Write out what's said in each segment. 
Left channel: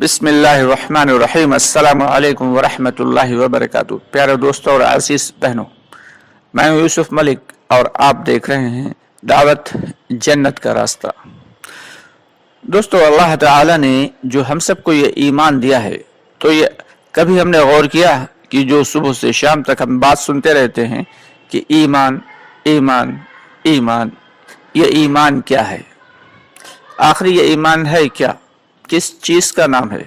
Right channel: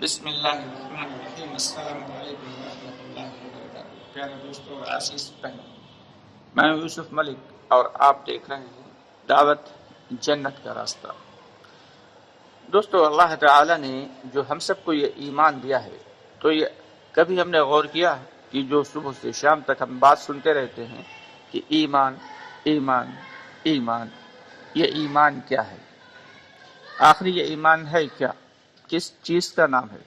बिस्मिल्लाहिर्रहमानिर्रहीम। अस्सलामु अलैकुम वरहमतुल्लाहि वबरकातुहू। प्यारे दोस्तों और अज़ीज़ बहनों, मैं हूँ यूसुफ मलिक और आप देख रहे हैं दावत जन्नत का रास्ता। दोस्तों, अल्लाह ताला ने जो हम सबको ये ईमान दिया है, तो ये कभी हमने गौर किया कि जो सुबह से शाम तक हम बात सुनते रहते हैं कि ईमान ईमान ईमान, ये ईमान क्या है? आखिर ये ईमान है क्या? किस चीज़ का नाम है?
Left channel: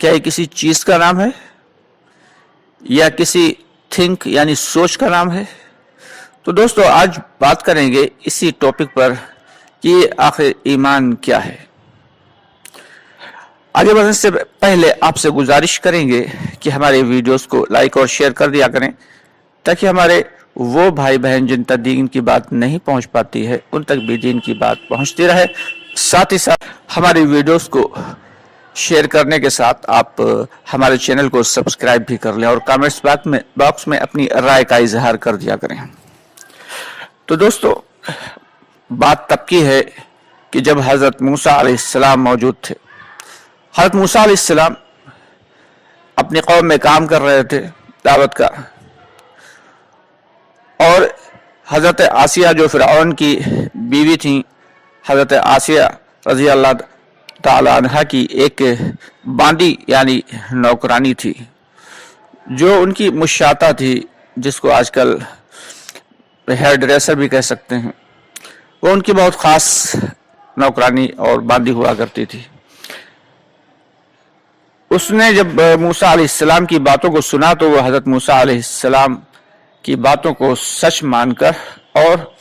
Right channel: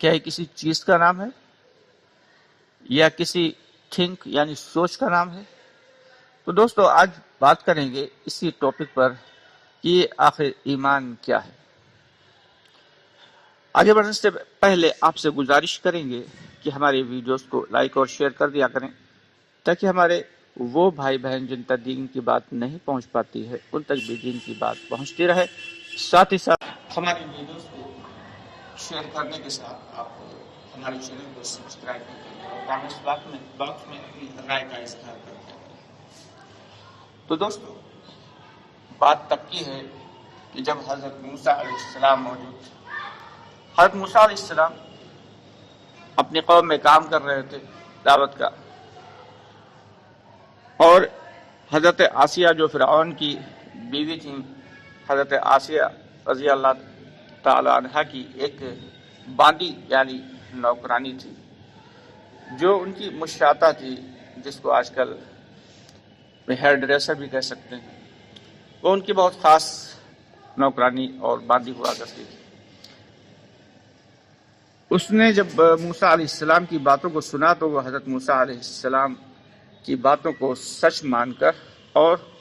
क्या ये किसी चीज़ का नाम है या किसी थिंक यानी सोच का नाम है? तो दोस्तों, आज बात करेंगे इसी टॉपिक पर कि आखिर ईमान क्या है। आगे बढ़ने से पहले आपसे गुजारिश करेंगे कि हमारे वीडियोस को लाइक और शेयर कर दिया करें, ताकि हमारे वो भाई बहन जिन तक दीन की बात नहीं पहुंच पाती है, उन तक भी दीन की बात पहुंचती रहे। साथ ही साथ हमारी वीडियोस को शेयर करने के साथ आप हमारे चैनल को सब्सक्राइब भी कर लें और कमेंट्स बॉक्स में अपनी राय का इजहार कर दिया करें। तो दोस्तों, बात तब की है कि जब हज़रत मूसा अलैहिस्सलाम मौजूद थे। हज़रत मूसा अलैहिस्सलाम अपनी कौम में काम कर रहे थे दावत का, और हज़रत आसिया जो फ़िरऔन की बीवी थी, हज़रत आसिया रज़ी अल्लाह ताला अन्हा की एक बांदी यानी नौकरानी थी, जो उनकी मुशाता थी, जिसको आजकल हेयर ड्रेसर भी कह सकते हैं। वो उनकी बहुत ख़ास नौकरानी और बांदी हुआ करती थी। उसने जब मूसा अलैहिस्सलाम की बातों को सुना तो वो हज़रत मूसा अलैहिस्सलाम की बातों को सच मानकर और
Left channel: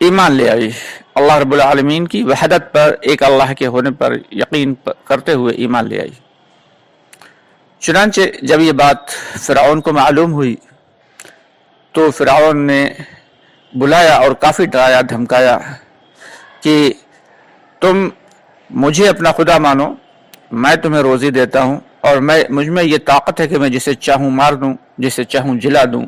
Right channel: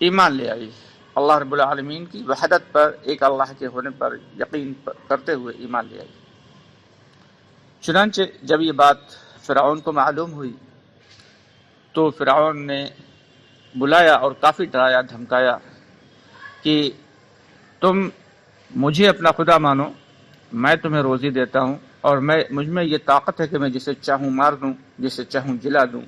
ईमान ले आई। अल्लाह रब्बुल आलमीन की वहदत पर, एक अल्लाह के होने पर यकीन करते हुए ईमान ले आई। चुनांचे जब ये बात फ़िरऔन को मालूम हुई तो फ़िरऔन ने बुलाया और काफ़ी डराया धमकाया कि तुम मुझे अपना खुदा मानो, मैं तुम्हें रोज़ी देता हूँ और मुझ में ये ताकत है कि मैं जिसे चाहूँ मार दूँ, जिसे चाहूँ जिला दूँ।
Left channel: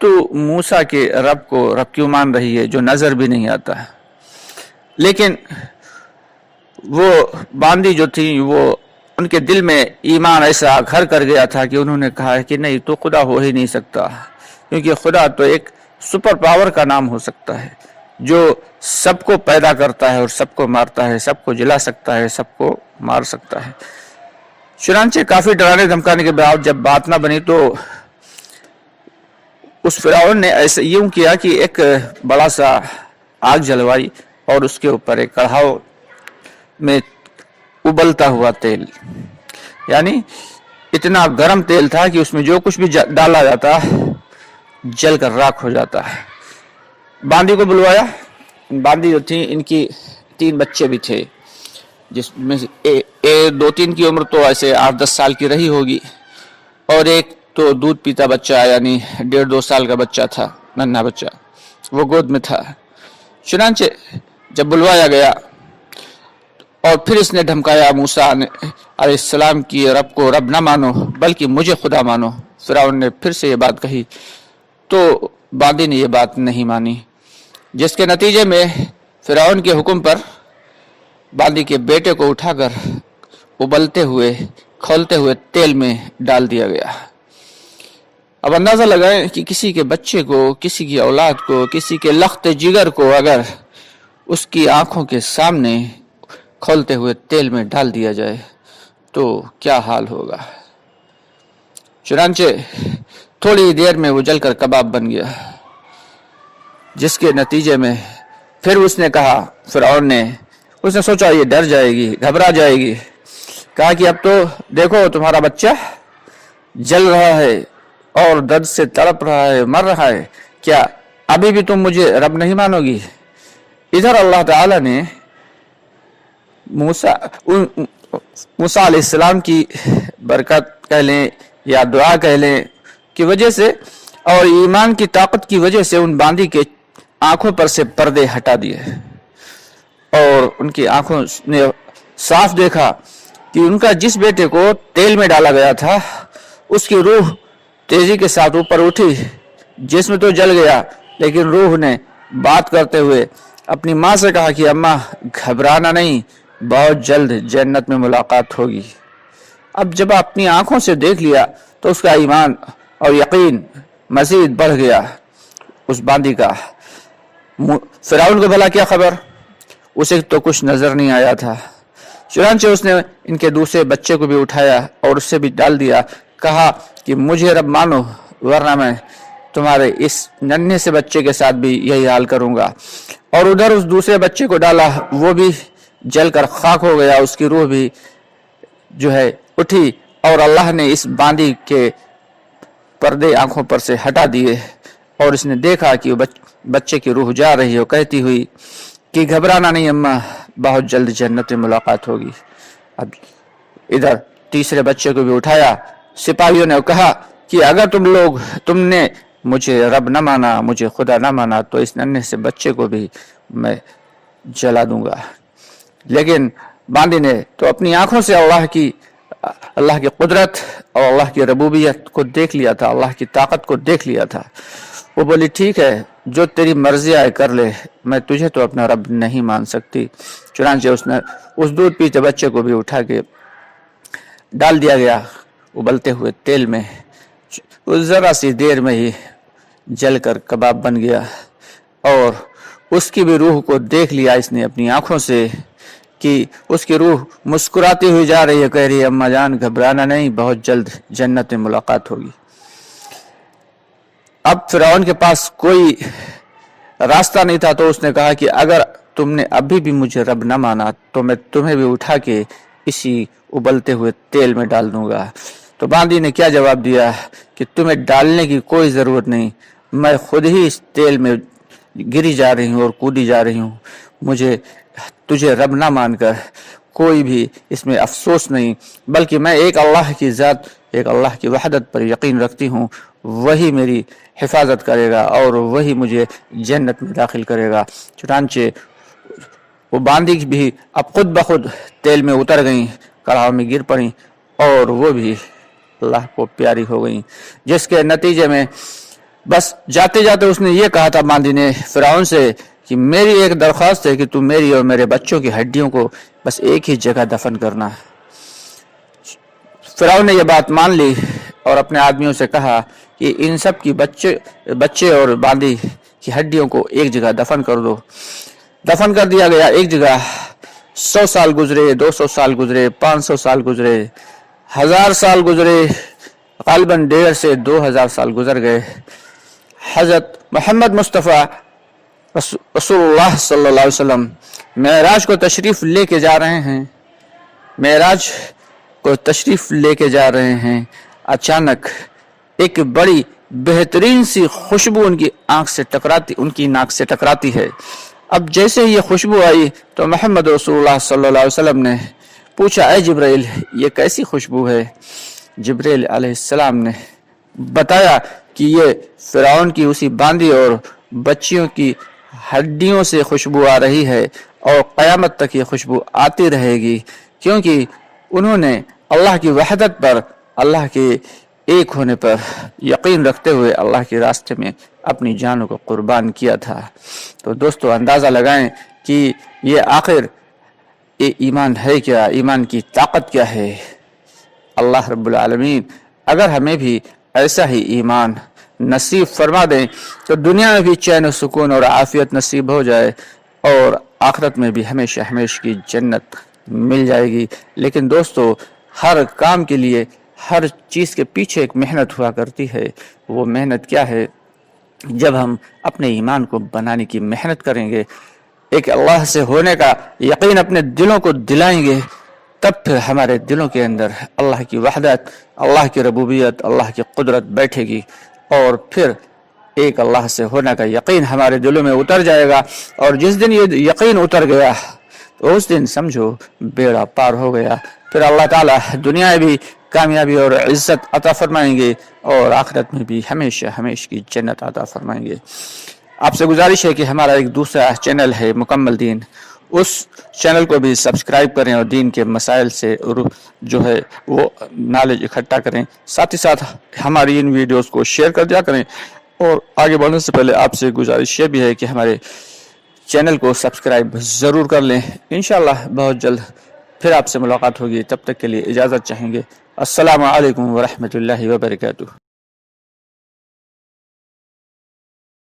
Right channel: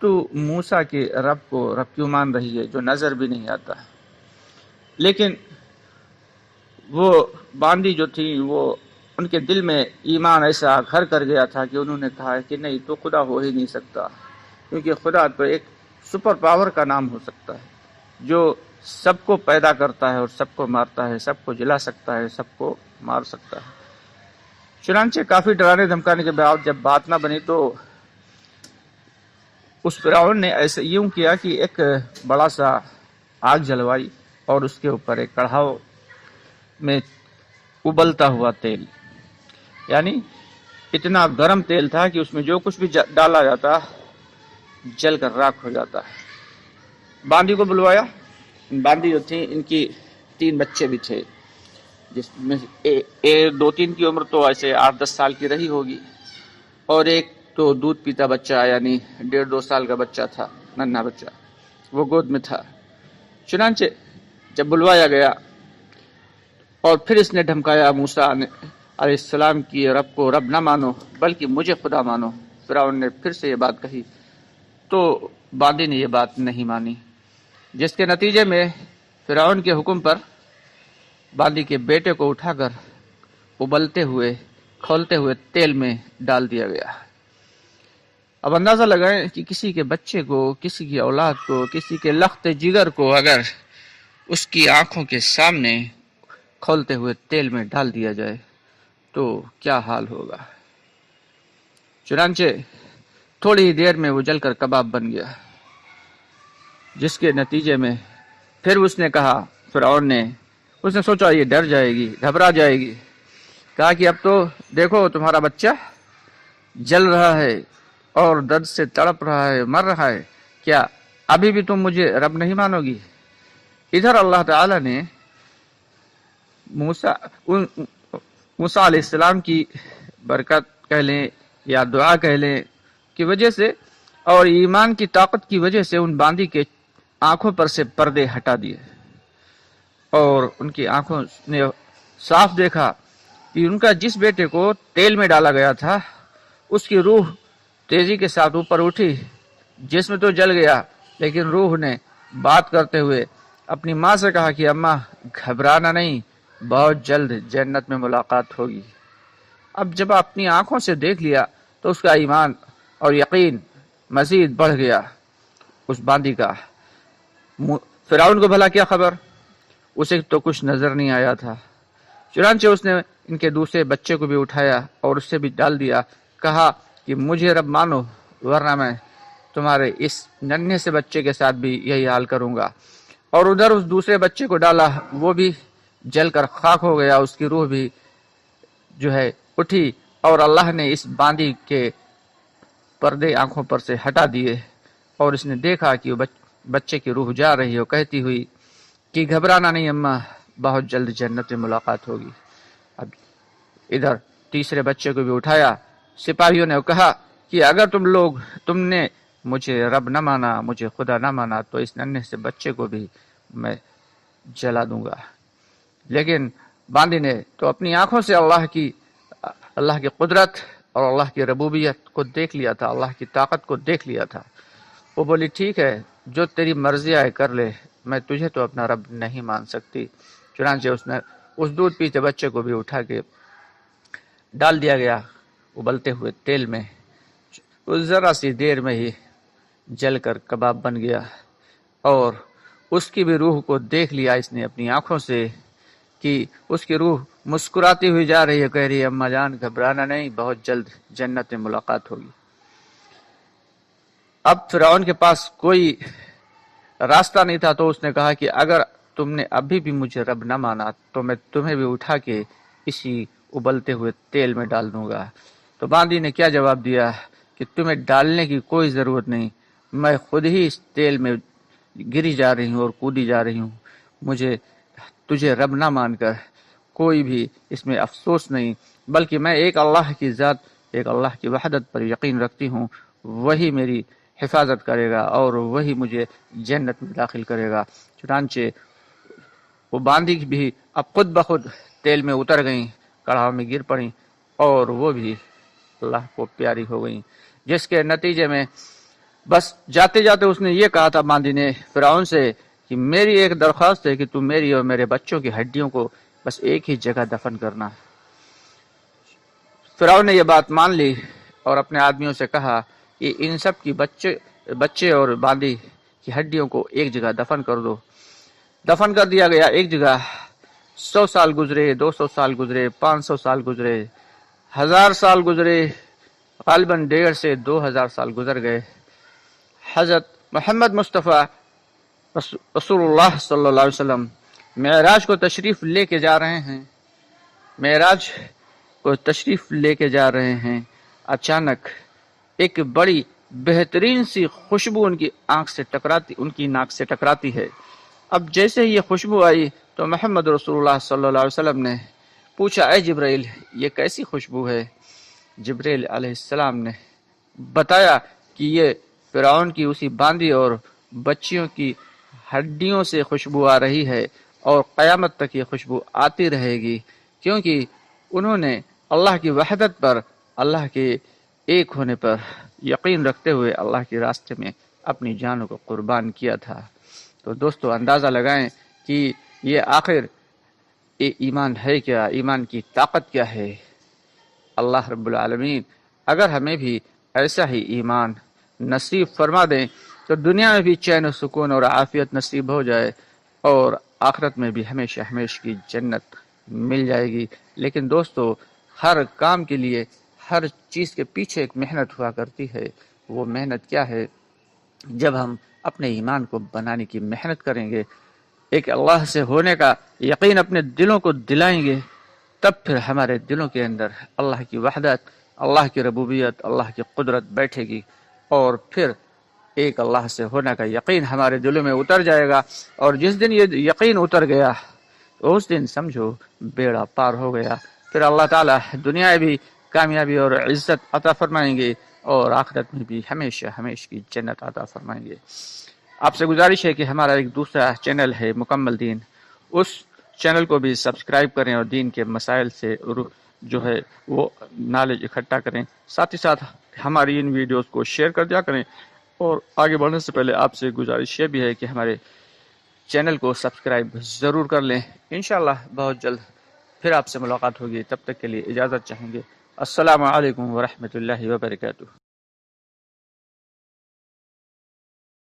तो मूसा के रब को रब क्यों मान रही है जो नज़र भी नहीं आता? लेकिन वो बांदी जो थी, वो उनके दिल में ईमान ऐसा घर कर गया था कि उन्होंने कहा कि नहीं, तो खुदा हो ही नहीं सकता, क्योंकि खुदा तो एक सुपर पावर का नाम हो सकता है जो सबको पैदा करता है और सबको मारता है, सबको जिला सकता है, सबको मार सकता है। चुनांचे काफ़ी डराने धमकाने के बाद जब बात ना बनी तो उस फ़िरऔन ने ऐसे यूं किया कि एक बड़ा सा आग जलवाई और उसके ऊपर एक कढ़ाव में उबलता हुआ तेल, यानी इतना गर्म तेल था कि उसमें जो कुछ भी डाला जाता जल कर राख हो जाता। बांदी को बुलवाया। बांदी जो थी, इनकी 3 बच्चे भी थे, जिसमें से 2-3 की उम्र तो ऐसे 8-10 साल की रही होगी, और एक तो दूध पीता बच्चा यानी 1.5-2 साल का बच्चा था, नन्हा बच्चा, वो गोद में था। चुनांचे जब बुलवाया गया और फिर इसने धमकाया मूसा अलैहिस्सलाम की रब को रब ना मानो बल्कि मुझे खुदा मानो। फ़िरऔन ने फिर से ये बात कही तो बांदी ने ये बात नहीं मानी, जिसके नतीजे में फ़िरऔन के हुक्म पर बांदी के बेटे को उठाकर उबलते हुए खौलते हुए तेल में डाल दिया गया। अब अंदाज़ा लगाएं कि किसी के बच्चे को, किसी की औलाद को, किसी के लख्त जिगर को अगर उसकी आंखों के सामने खौलते हुए तेल में डाल दिया जाए तो क्या हाल होगा। चुनांचे थोड़ी ही देर में वो जलकर कबाब बन गया, जिसके नतीजे में फिर उसने कहा, फ़िरऔन ने, उसने सोचा ये डर जाएगी, घबरा जाएगी, कहा कि अब तो देखो तुम्हारा बच्चा जल रहा है और दर्द से तड़प रहा है, मर रहा है, क्या अभी भी तुम मुझे रब नहीं मानोगी? इधर अल्लाह ताला ने मूसा अलैहिस्सलाम की बरकत कह लें या दुआ कह लें की वजह से और ईमान की ताकत की वजह से उन बांदी के आंखों पर से पर्दे हटा दिए और उनकी आंखों ने साफ देखा कि उनका जिस बेटे को तेल में डाला गया था उसकी रूह तेजी के साथ ऊपर उठी। जिस्म तो जल गया, लेकिन रूह ने बात करते हुए अपनी माँ से कहा कि अम्मा घबराना नहीं, बहुत जल्द जन्नत में मुलाकात होगी। अब जब अपनी आंखों से देख लिया तो उसका ईमान और यकीन मजीद बढ़ गया उस बांदी का। फिरौन को भला क्या खबर, उसे तो कुछ नजर नहीं आया था। चुनांचे उसने इनके दूसरे बच्चे को भी उठाया और उससे भी डाल दिया। कहा कि मुझे रब मानो वरना मैं तुम्हारे इस नन्हे से बच्चे के साथ भी यही हाल करूंगा। और उधर उस दूसरे बच्चे को डाला, वो भी जलकर खाक हो गया, उसकी रूह भी जो है उठी और अल्लाह ने इस बांदी के पर्दे आंखों पर से हटा दिए और इसने देखा कि बच्चे की रूह जा रही हो, कहती हुई कि घबराना नहीं अम्मा, बहुत जल्द जन्नत में मुलाकात होगी। अब इधर तीसरे बच्चे को भी उठाया। सिपाहियों ने कहा कि अगर तुमने मुझे रब न माना, मुझे खुदा न माना, तो इस नन्हे से बच्चे को भी मैं जला दूंगा। लेकिन बांदी ने तो अपनी आंखों से अल्लाह की कुदरत और अल्लाह की रबूबियत को देख लिया था, अल्लाह की ताकत को देख लिया था। वो बोली ठीक है, जो तेरी मर्जी आए कर ले, मैं तुझे तो अपना रब नहीं मान सकती। चुनांचे उसने उस दूध पीते बच्चे को भी उठा के डाल दिया गया उबलते हुए तेल में। उस जरा सी देर में ही जलकर कबाब बन गया और उसकी भी रूह को देख लिया इसने अपनी आंखों से कि उसकी रूह मुस्कुराती हुई जा रही है, कह रही है अम्मा जान घबराना नहीं, बहुत जल्द जन्नत में मुलाकात होगी। अब फिरौन के पास कोई रास्ता नहीं था, तो उसने कहा कि अगर तुमने अभी भी मुझे रब न माना तो मैं तुम्हें भी उठा के इसी उबलते हुए तेल में डाल दूंगा। तो बांदी ने क्या जवाब दिया कि तुम्हें डालने की कोई जरूरत नहीं, मैं खुद ही इस तेल में गिरी जा रही हूँ और कूदी जा रही हूँ। मुझे तुझे रब ना मानकर कोई भी इसमें अफसोस नहीं, बल्कि मैं एक अल्लाह की ज़ात, एक अल्लाह की वहदत पर यकीन रखती हूँ। वही मेरी हिफाजत करेगा और वही मुझे जन्नत में दाखिल करेगा। चुनांचे वो बांदी भी अब खुद ब खुद तेल में उतर गई, कड़ाह में गिर पड़ी और वो भी अल्लाह को प्यारी हो गई, जिसके नतीजे में बस जाते जाते उसने ये कहा था बांदी ने फिरौन से कि मेरी एक दरख्वास्त है कि तू मेरी और मेरे बच्चों की हड्डियों को बस एक ही जगह दफन करना। फिरौन ने यह बात मान ली और अपने आदमियों से कहा कि इन सब की बच्चे और बांदी की हड्डियों को एक जगह दफन कर दो। दफन कर दिया गया एक जगह। 100 साल गुजरे, 200 साल गुजरे, 500 साल गुजरे, 1000 साल गुजरे, गालिबन 1,500 से 2000 साल गुजर गए। हजरत मोहम्मद मुस्तफ़ा रसूलुल्लाह सल्लल्लाहु अलैहि वसल्लम मेराज को तशरीफ लेके जा रहे हैं। मेराज को तशरीफ लेके जा रहे हैं। अचानक एक बड़ी बेहतरीन सी खुशबू उनकी नाक से टकराती है। अब जैसे ही ये खुशबू आई तो मोहम्मद रसूलुल्लाह सल्लल्लाहु अलैहि वसल्लम ने पूछा, ऐ जिब्राइल, ये कैसी खुशबू है? जिब्राइल अलैहिस्सलाम ने बताया कि ये फिरौन की उसी बांदी और बच्चियों की हड्डियों से खुशबू आ रही है और क़यामत तक ये खुशबू आती रहेगी, क्योंकि उन्होंने अल्लाह की वहदत पर, अल्लाह के एक होने पर यकीन रखते हुए अल्लाह के रास्ते में अपनी जानों को कुर्बान किया था। तो दोस्तों अंदाज़ा लगाएं कि ये आखिर ये ईमान है क्या, ईमान की ताकत क्या है। अल्लाह रब्बुल आलमीन अगर हमें भी ऐसा ही ईमान नसीब फरमा दें तो दुनिया में भी चैन सुकून और आफियत नसीब हो जाए और आखिरत में भी हमेशा हमेशा की जन्नत मिल जाएगी। लेकिन दोस्तों हर काम के लिए, हर चीज़ के पीछे एक मेहनत हुआ करती है। वो मेहनत क्या है? जब हम अपने ईमान को बनाने की मेहनत करेंगे, एक अल्लाह से होने का यकीन अपने दिलों को दिलाएंगे, तब फिर हमारे दिलों के अंदर अल्लाह की वहदत, अल्लाह की रबूबियत, अल्लाह की कुदरत बैठेगी और फिर एक अल्लाह से होने का यकीन हमारे दिलों में उतर जाएगा। और जिस दिन ये यकीन उतर गया तो उस दिन समझो बेड़ा पार हो गया। फिर अल्लाह ताला दुनिया में भी कामयाबी और इज्जत अता फरमाएंगे और आखिरत में भी हमेशा हमेशा की जन्नत अता फरमाएंगे। आपसे गुजारिश है कि हमारा एक दूसरा चैनल है मुकम्मल दीन, उस चैनल को भी सब्सक्राइब करें और दीन के मसाइल से जो है वो नॉलेज इकट्ठा करें। साथ ही साथ हमारी इन वीडियोस को शेयर कर दिया करें। और आगे बढ़ने से पहले आपसे गुजारिश ये भी है कि हमारे چینل کو سبسکرائب ضرور کر لیں. انشاءاللہ بہت جلد پھر آپ سے ملاقات ہوگی. تب تک کے لیے اجازت چاہیں گے. السلام علیکم ورحمۃ اللہ وبرکاتہ.